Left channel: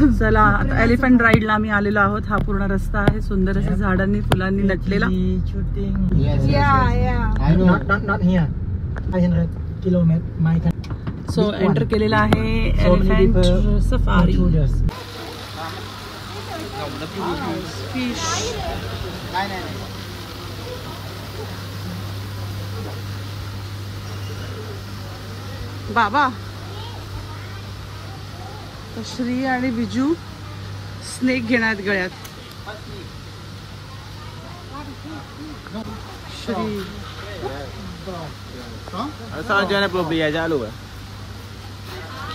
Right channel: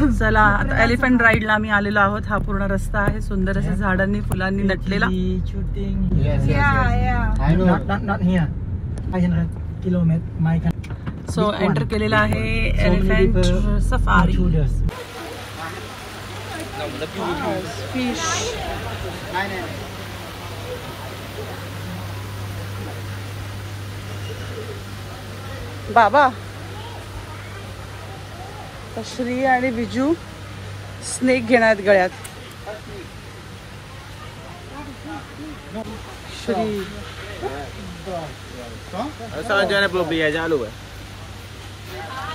चला आता एलिफंट राईडला आम्ही आलेलो आहोत. हा पूर्ण रस्ता आहे सुंदर अशा झाडांनी फुलांनी नटलेला. सो एंटर केलेला आहे एलिफंट सफारी. फिश बाबा श्री आणि विजू स्नेक घेणार गळ्यात. श्री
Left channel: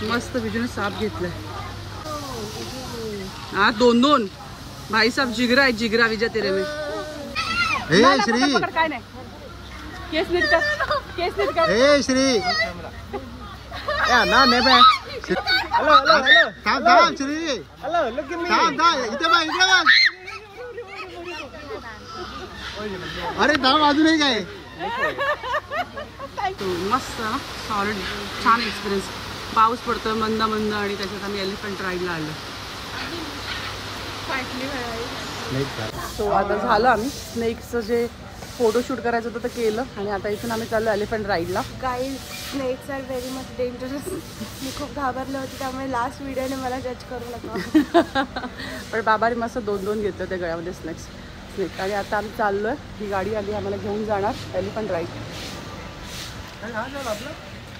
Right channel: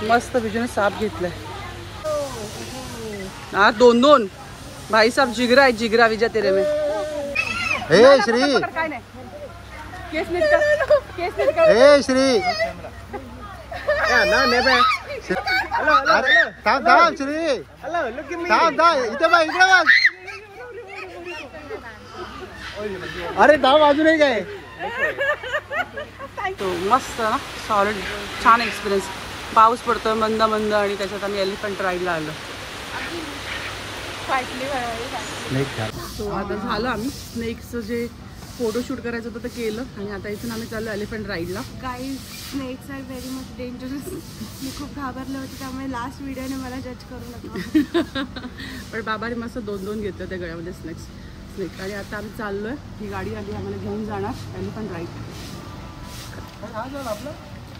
मस्त विजूने साप घेतलाय. हा 2-2 भाई साहब जिगरा है जिगरा विजय तेरे में. ए श्री काय नाही केस नीट कर केस नीट कर. ए श्री थांब थांब श्री थांब थांब इथे बघ इकडे बघ. अरे थांब अजूनही काय. तो मस्त ना सॉलिड छान एक्सपिरियन्स. पाऊस पडतोय मंद मंद आणि त्याच्यात आम्ही एलिफंट राईडला आलो. सो आता झालं आम्ही स्नेक्सचं जे फोटोशूट करायचं होतं ते केलं आणि आता इथून आम्ही चाललो एलिफंट राईडला. Guys snakes are very much dangerous. मी खूप घाबरले होते त्यामुळे लास्ट व्हिडिओने मला जज करू नका. पण बाबाने मस्त 2-2 घेतले होते गळ्यामध्ये स्नेक्स. आणि आता आम्ही चाललोय. ही गाडी आली आम्हाला घेऊन जाणार एलिफंट राईड.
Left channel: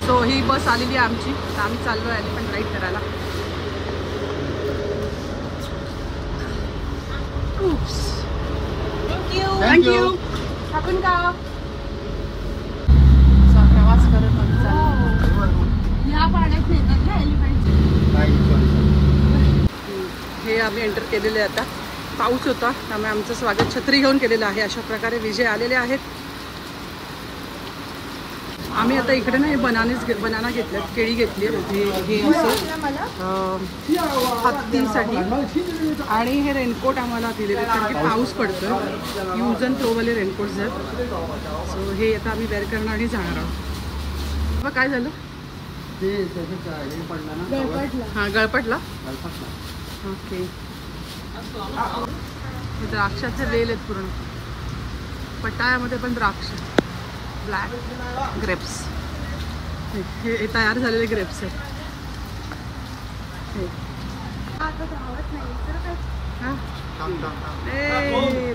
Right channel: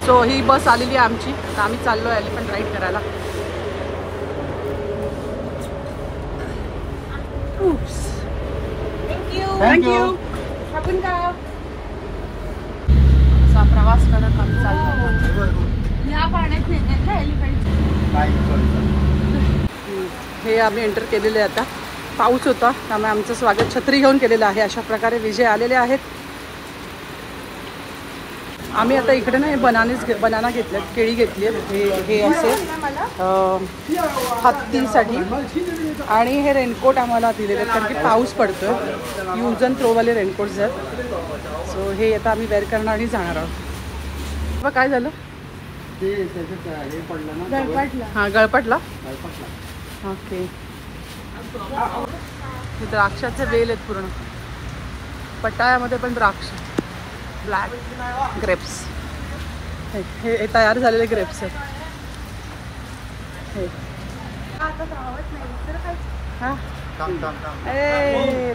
सो ही बस आलेली आहे आमची. तर आम्ही चाललो एलिफंट राईड करायला. थँक्यू. असा प्रवास करत आम्ही चाललो. या पाण्यात नेतात ना एलिफंट. हे आम्ही एंटर केलेले आता. पाऊस होता त्यामुळे आमचं स्वागत छत्री घेऊन केलेलं आहे. अशा प्रकारे विजय आलेले आहेत. आम्ही आता इकडे ना हे बनाना घेतले केळी घेतली. हे असे हत्तीसाठी आणि हे रेनकोट आम्हाला दिलेले आहेत कारण की पाऊस पडतोय. यूज अँड थ्रोवाले रेनकोट्स आहेत. सो हे आता आम्ही वेअर करणार आणि जाणार आहोत. मग काय झालं हा गळपटला. ओके हे द्राक्षाचे वेल आहेत पूर्ण. पटायामध्ये पण द्राक्ष ब्लॅक ग्रेप्स. हे तयार झालेले ग्रेप्स आहेत.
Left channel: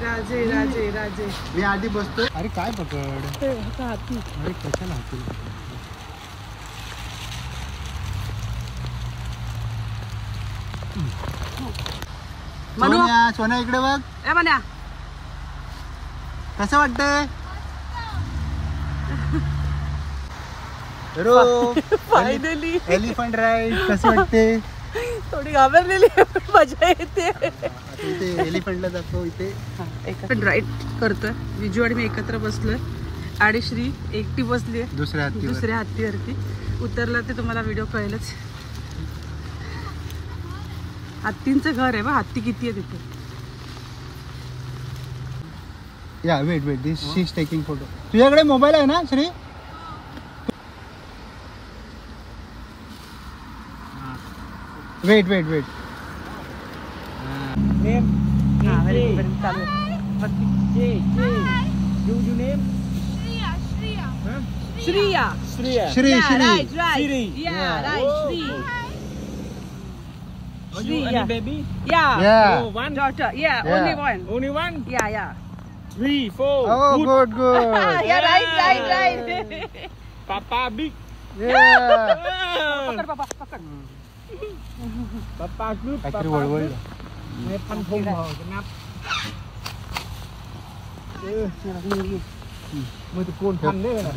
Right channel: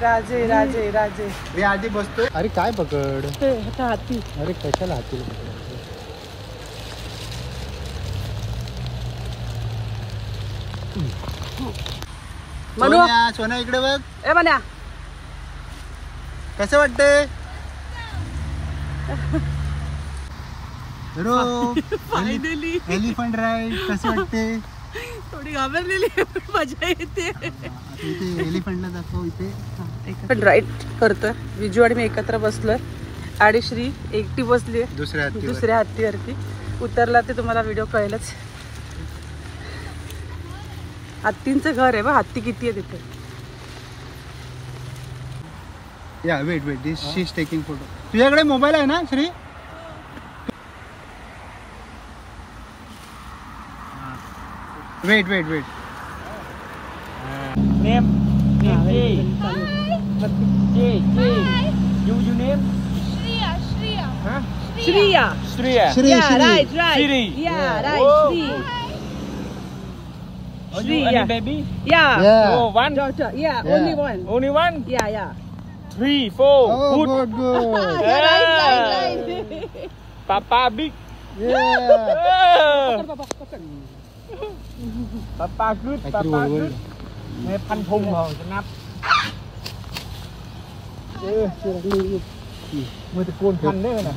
राजे राजे राजे मी आधी बसतो. अरे काय पकड हाती. अरे कशाला हाती. मनू सोन्या इकडे बघ. ए मन्या कसं वाटतंय. फायनली एलिफंट राईड कशी वाटते. थोडी घाबरलेली मजा येते. इथे एलिफंटला दाखव. इथे राईड करतोय. विजू आणि मी एकत्र बसलोय आणि श्री एकटी बसली दुसऱ्या हत्तीवरती. उतरला ते तुम्हाला व्हिडिओ कळेलच. हत्तींचं घर आहे बा. हत्ती किती आहे तिथे. या wait this she is taking photo. तुझ्याकडे मोबाईल आहे ना श्री. वेट नेम चालू. You name? Shriya. Huh? Shriya. Shriya. Shri. Right. Shri. Yeah, right. Shri. Oh, you any baby? Yeah. Oh, one. Daughter. Yeah, only one. Only one? Yeah. 3, 4. Oh, good. Yeah, right. Papa big. Yeah. पकड. Papa good. काहीतरी Papa वळवळ. good. मैंพันธงมองจะนับมือตะปูนพันได้ไหมนะ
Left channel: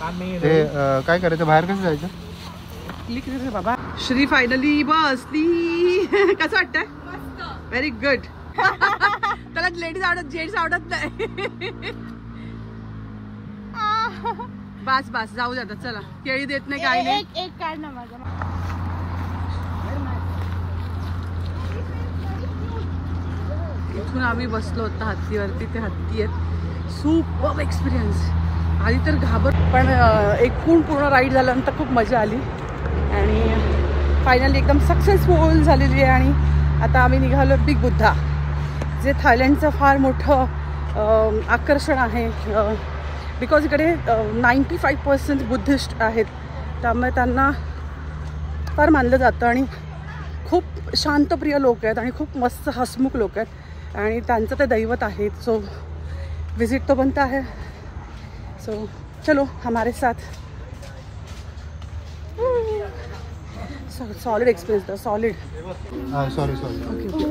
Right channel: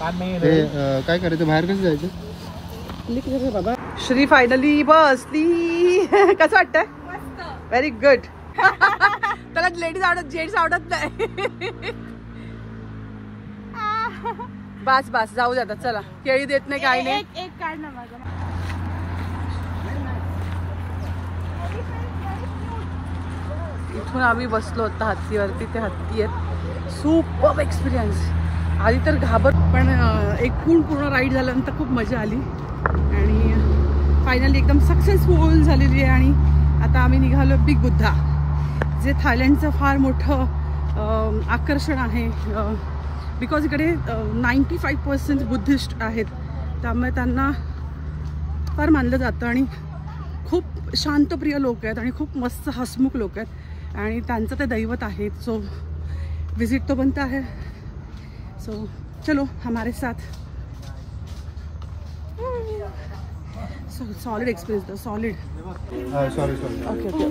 ปานเมย์เลย काय करायचं बाहेर कसं जायचं. Click कर बाबा. Shri finally बसली. कसं वाटतंय. Very good. त्याला लेडीज आवडत जेंट्स आवडत नाही. बस जाऊ द्या चला. केळी देत नाही काही नाही. एक काढ ना माझा. इथून आम्ही बसलो होतो हत्तीवरती. ते हत्ती आहेत. Super experience. आधी तर घाबर पण एक पूर्ण राईड झाल्यानंतर खूप मजा आली आणि फायनली एकदम सक्सेसफुल झालेली आहे आणि आता आम्ही निघालो बिग बुद्धा, जे थायलंडचं फार मोठं आकर्षण आहे. बिकॉज इकडे 95% बुद्धिस्ट आहेत, त्यामुळे त्यांना फार मानलं जातं आणि खूप शांतप्रिय लोक आहेत आणि खूप मस्त हसमुख लोक आहेत आणि त्यांचं ते दैवत आहे. सो विजिट तो बनता है. सो चलो हमारे साथ. सॉलिड एक्सपीरियंस था, सॉलिड. Sorry okay.